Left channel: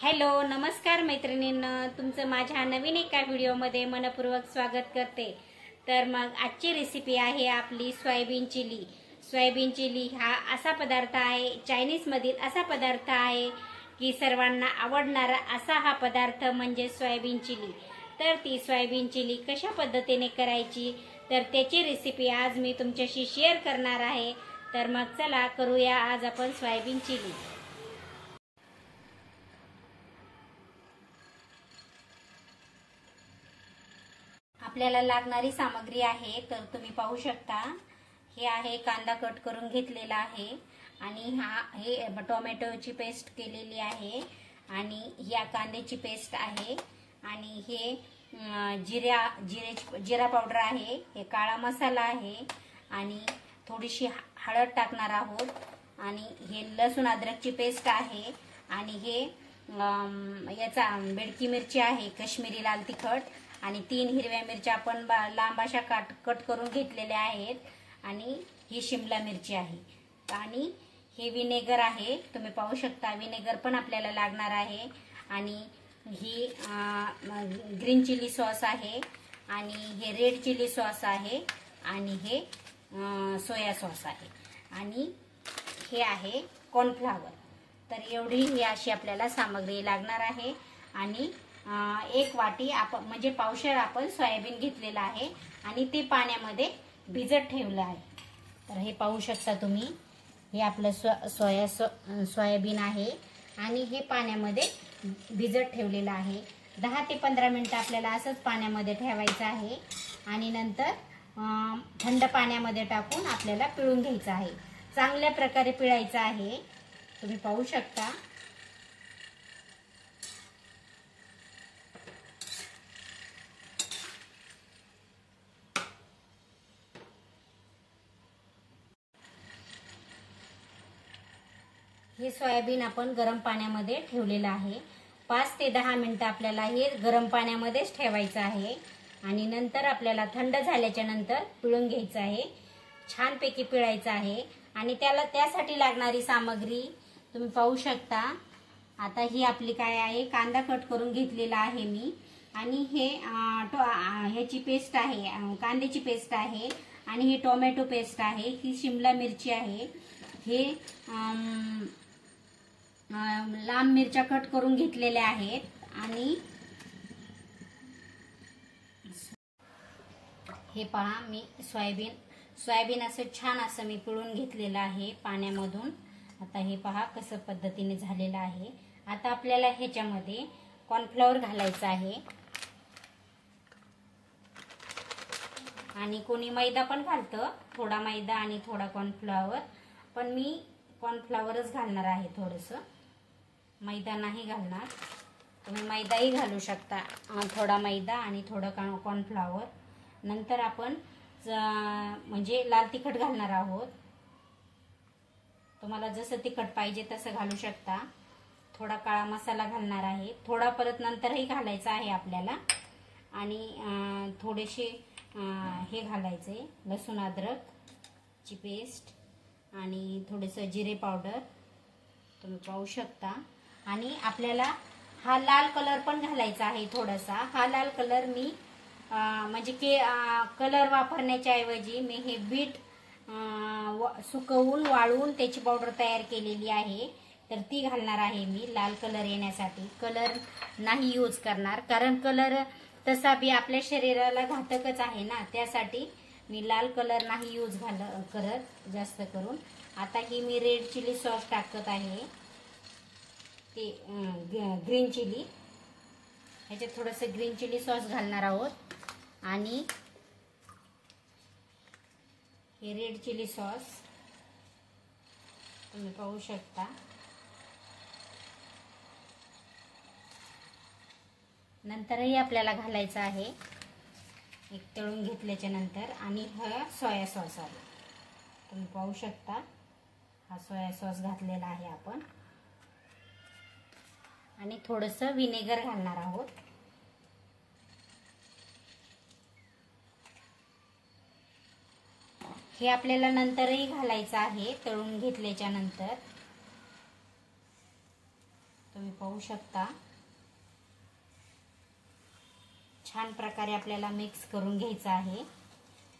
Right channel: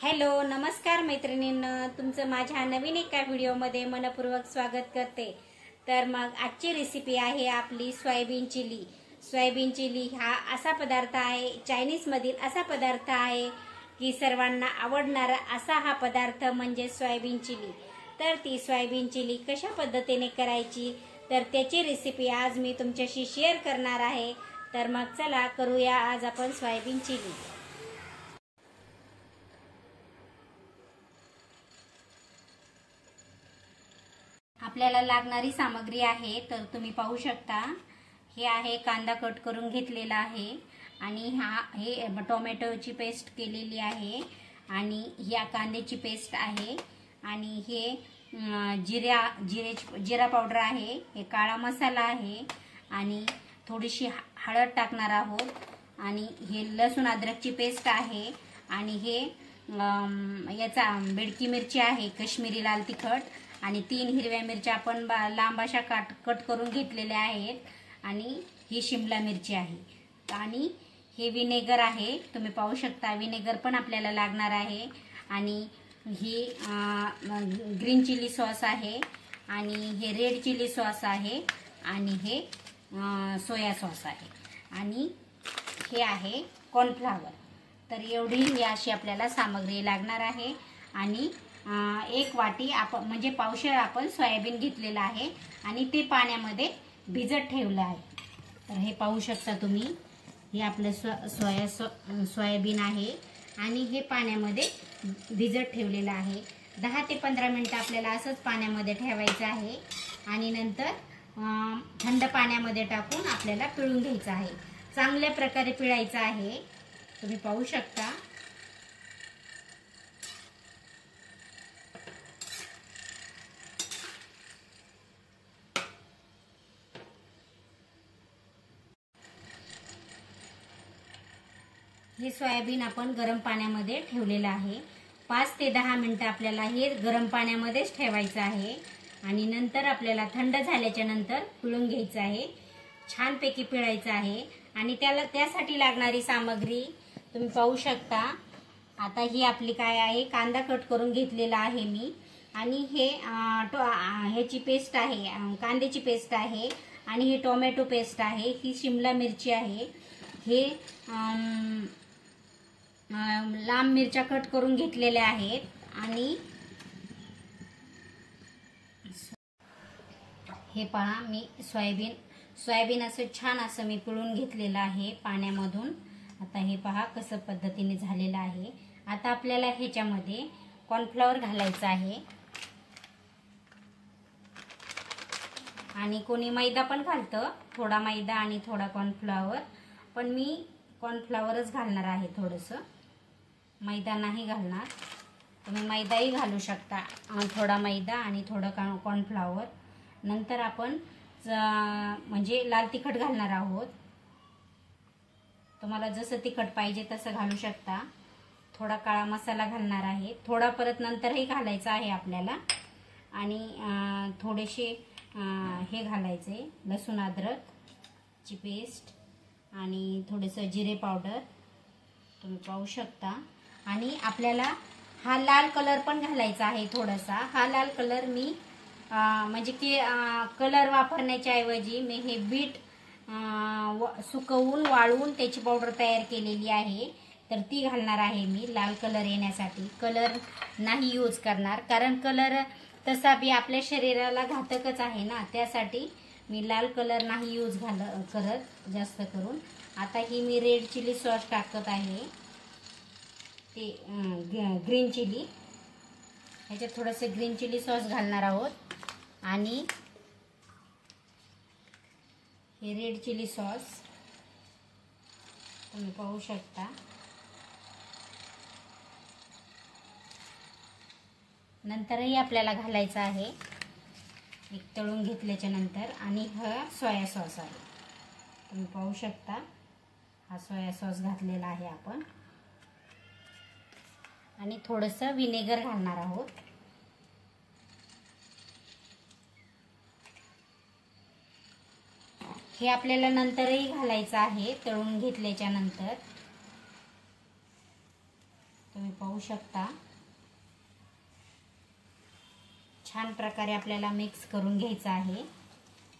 Hello नमस्कार मैत्रिणींनो, तुमचं माझ्या नवीन एका व्हिडिओमध्ये मनपूर्वक स्वागत करते। तर मग आजची रेसिपी आहे आपली सोयाबीन चिली। सोयाबीन चिली हा असा पदार्थ आहे, चायनीज मधील असा पदार्थ आहे की सर्वांना आवडणारा असा हा पदार्थ म्हणजे सोयाबीन चिली। तर ती सोयाबीन चिली कशा पद्धतीने करायची तर त्याची रेसिपी आज मी तुमच्याशी शेअर करणार आहे। तर मग चला करूया आज आपण सोयाबीन चिली। आपल्याला लागणारी सामग्री आहे तर तुम्ही पाहू शकता। हे आहे कांदा कट करून घेतलेला आहे आणि हे टोमॅटोची पेस्ट केलेली आहे आणि या कांद्याची पेस्ट आहे आणि हे जिरा पावडर आहे, हे काळा मसाला आहे आणि थोडीशी हळद टाकणार आहोत आणि हे लसूण अद्रकची पेस्ट आहे आणि हे याचा बेडकी मिरची आहे, काश्मीरी लाल तिखट आणि 3 हिरव्या मिरच्या आपण लांब अशा कट करून घेतलेल्या आहेत आणि ही शिमला मिरची आहे आणि हे विनेगर आहे, तुम्ही पाहू शकता विनेगर पण आपल्याला लागणार आहे आणि ही ग्रीन चिली सॉस आहे आणि हे रेड चिली सॉस आहे आणि हे सोया सॉस आहे आणि हे आहे कॉर्नफ्लॉवर। तर एवढी अशी आपल्याला सामग्री लागणार आहे आणि 1 वाटी आपण म्हणजे पावशेर आपण सोयाबीन घेतलेला आहे आणि ते पाण्यामध्ये भिजत ठेवलं आहे। तर हे पाहू शकता तुम्ही, हे आपलं सोयाबीन आहे आणि हे पाण्यामध्ये भिजत ठेवलेलं आहे। 10 ते 15 मिनिटं आपल्याला असंच पाण्यामध्ये ठेवायचं आहे आणि नंतर थंड पाण्यामध्ये टाकून आपल्याला पिळून घ्यायचं आहे। चांगल्या प्रकारे पिळायचं आहे, तुम्ही पाहू शकता। हे सोयाबीन आपण गरम पाण्यामध्ये ठेवलेलं आहे। 5 ते 10 मिनिटं आपल्याला हे गरम पाण्यामध्येच ठेवायचं आहे आणि नंतर आपल्याला थंड झाल्याच्या नंतर पिळून घ्यायचं आहे, छानपैकी पिळायचं आहे आणि त्यासाठी लागणारी सामग्री तुम्ही पाहू शकता। आता ही आपली काय आहे, कांदा कट करून घेतलेला आहे मी आणि हे ह्याची पेस्ट आहे, कांद्याची पेस्ट आहे आणि हे टोमॅटो पेस्ट आहे, ही शिमला मिरची आहे, हे लांब मिरच्या कट करून घेतलेल्या आहेत आणि हे पहा मी सोयाबीन असं छान असं मी पिळून घेतलेलं आहे पाण्यामधून। आता हे पहा कसं पद्धतीने झालेलं आहे। आता आपल्याला ह्याच्यामध्ये कॉर्नफ्लॉवर घालायचं आहे आणि कोणी मैदा पण घालतं, थोडा मैदा आणि थोडा कॉर्नफ्लॉवर, पण मी कॉर्नफ्लॉवरच घालणार आहे, थोडंसं मैदा नाही घालणार। तुम्ही मैदाही घालू शकता, थोडा मैदा आणि थोडं कॉर्नफ्लॉवर। नंतर आपण म्हणजे लाल तिखट घालणार आहोत, तुम्हाला जसं तिखट पाहिजे तसं घालू शकता। थोडा काळा मसाला घालणार आहे, थोडा परत नंतरही घालायचा आहे आपल्याला आणि थोडेसे हे घालायचे लसूण अद्रकची पेस्ट आणि थोडंसं जिरे पावडर, तुम्ही पाहू शकता। आणि आपल्याला हा लाल कलर पण घालायचा आहे थोडासा। हा लाल कलर मी म्हणजे की कलर वापरण्याच्या ऐवजी मी हे बीट सुकवून वाळवून त्याची पावडर तयार केलेली आहे, तर ती घालणार आहे मी लाल कलर येण्यासाठी। कलर नाही यूज करणार, कारण कलर तसा बी आपल्या शरीराला घातकच आहे ना, त्यासाठी मी लाल कलर नाही यूज करत जास्त करून। आता ही मी रेड चिली सॉस टाकत आहे, ते ग्रीन चिली, ह्याच्यात थोडंसं ग्रीन चिली सॉस घालणार आहोत आणि हे रेड चिली सॉस तुम्ही पाहू शकता। नंतरही आपल्याला घालायचं आहे एक तळून घेतल्याच्या नंतर आणि हा सोया सॉस आहे, तुम्ही पाहू शकता। हा सोया सॉस घातलेला आहे आपण आणि थोडंसं विनेगर घालणार आहोत। हे आपल्याला नंतरही घालायचं आहे तळून घेतल्याच्या नंतर। तुम्ही पाहू शकता छान प्रकारे आपल्याला मिक्स करून घ्यायचं आहे.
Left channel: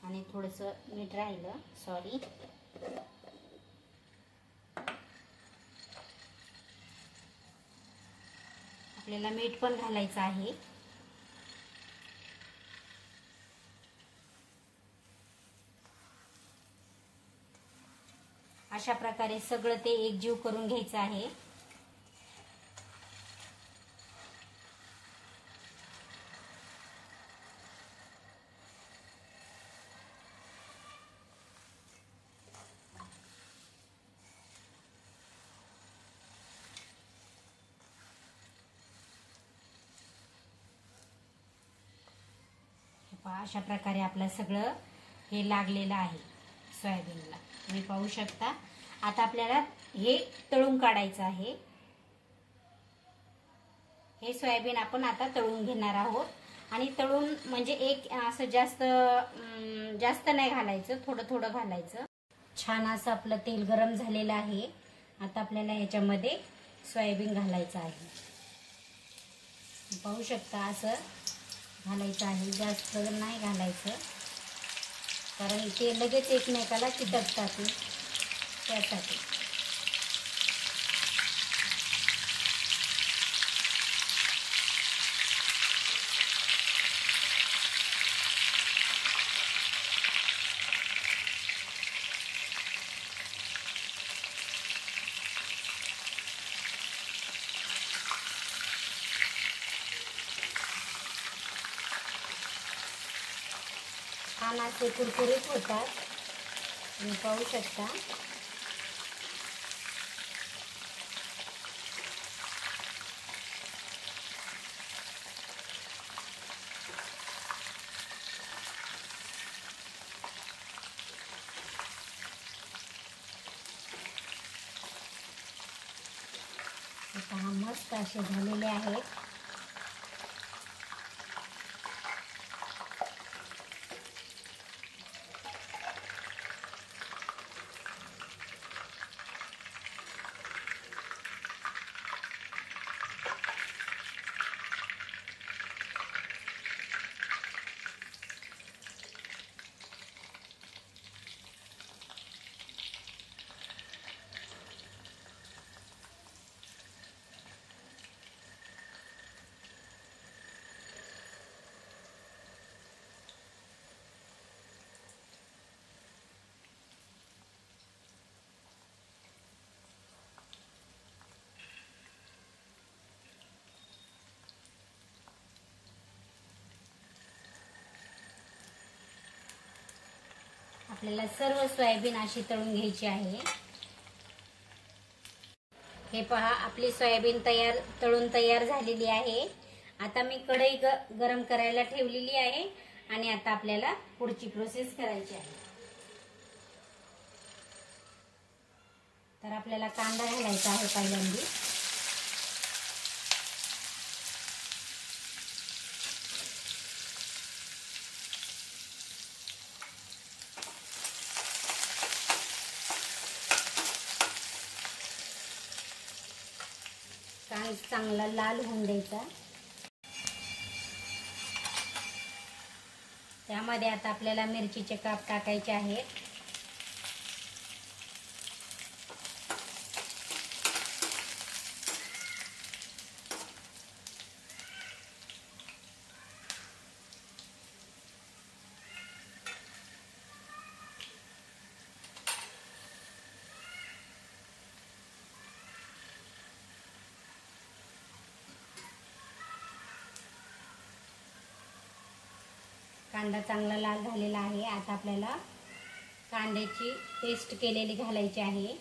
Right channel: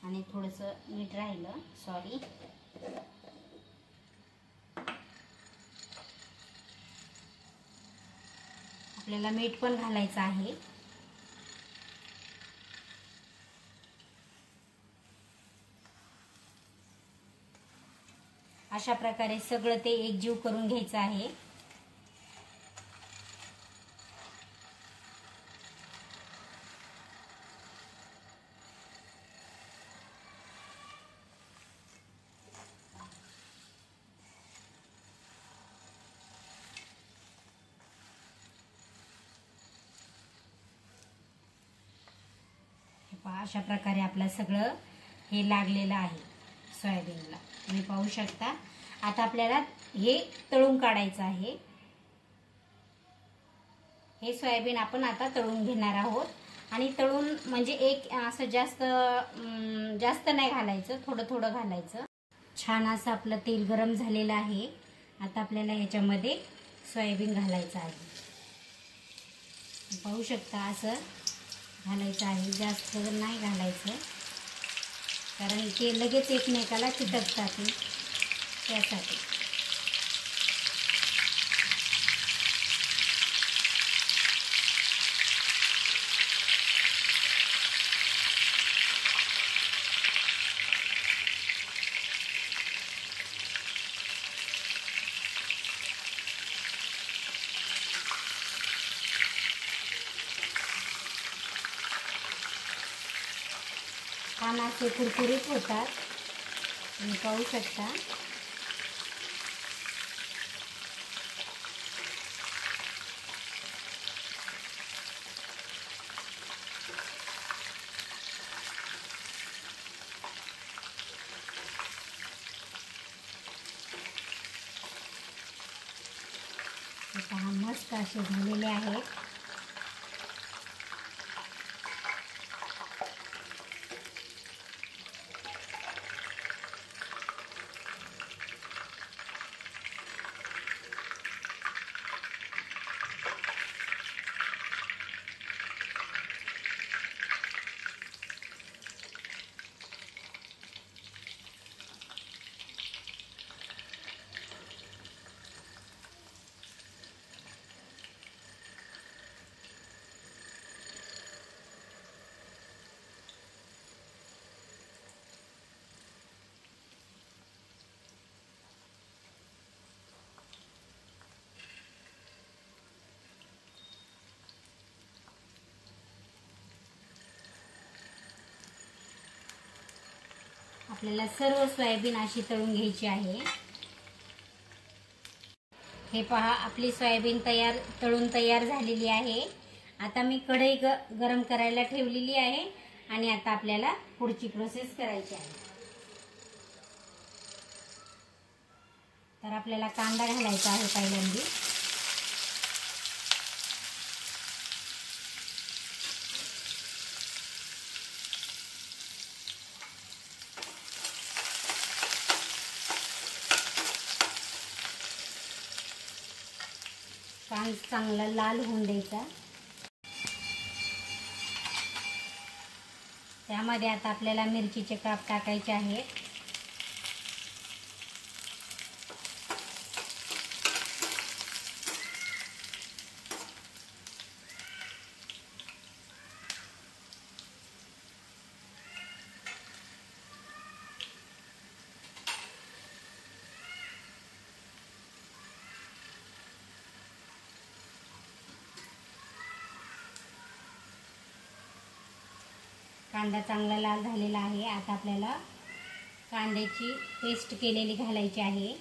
आणि थोडंसं मीठ राहिलं, सॉरी. आपल्याला मीठ पण घालायचं आहे. अशा प्रकारे सगळं ते एकजीव करून घ्यायचं आहे. अशा प्रकारे आपलं सगळं हे लागलेलं आहे सोयाबीनला, तुम्ही पाहू शकता. आता आपल्याला हे तळून काढायचं आहे. हे सोयाबीन आपण आता तळून घेणार आहोत. आणि तळून म्हणजे एक असं जास्त नाही घालायचं, थोडं थोडं घालायचं. छान असं आपलं तेल गरम झालेलं आहे. आता आपल्याला याच्यामध्ये सोयाबीन घालायचं आहे. पाहू शकता असं घालायचं आहे, जास्त नाही घालायचं कारण ते लगेच एकमेकाला चिटकतात त्यासाठी. छान असे कुरकुरीत होतात, तुम्ही पाहू शकता. मस्त असे झालेले आहेत. आपल्याला सर्व सोयाबीन अशी तळून घ्यायची आहे. हे पहा, आपली सोयाबीन तळून तयार झालेली आहे. आता मी कढई गरम करायला ठेवलेली आहे आणि आता आपल्याला पुढची प्रोसेस करायची आहे. तर आपल्याला कांदा घालायचा आहे पहिल्यांदा. कांदा चांगला लाल होऊन द्यायचा. त्यामध्ये आता आपल्याला मिरचीचे काप टाकायचे आहेत. कांदा चांगला लाल झालेला आहे. आता आपल्याला कांद्याची पेस्ट केलेली घालायची आहे.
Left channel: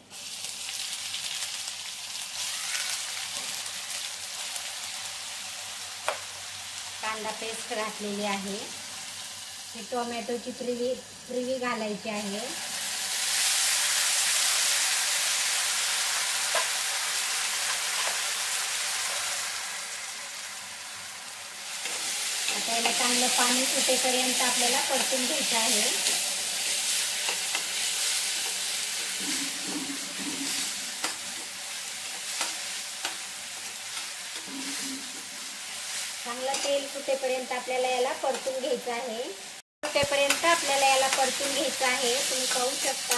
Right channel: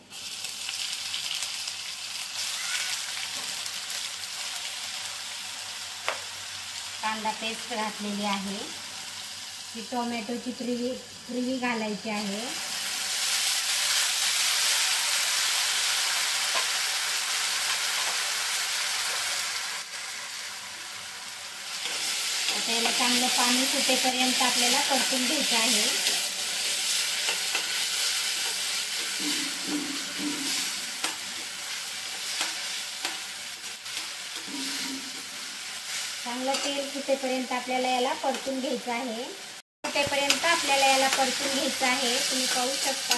कांदा पेस्ट घातलेली आहे. ही टोमॅटोची प्युरी घालायची आहे. त्याला चांगलं पाणी सुटेपर्यंत आपल्याला परतून घ्यायचं आहे. चांगलं तेल सुटेपर्यंत आपल्याला याला परतून घ्यायचं आहे. सुटेपर्यंत आपल्याला याला परतून घ्यायचं आहे. तुम्ही पाहू शकता.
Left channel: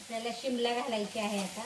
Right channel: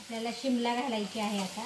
आपल्याला शिमला घालायची आहे आता.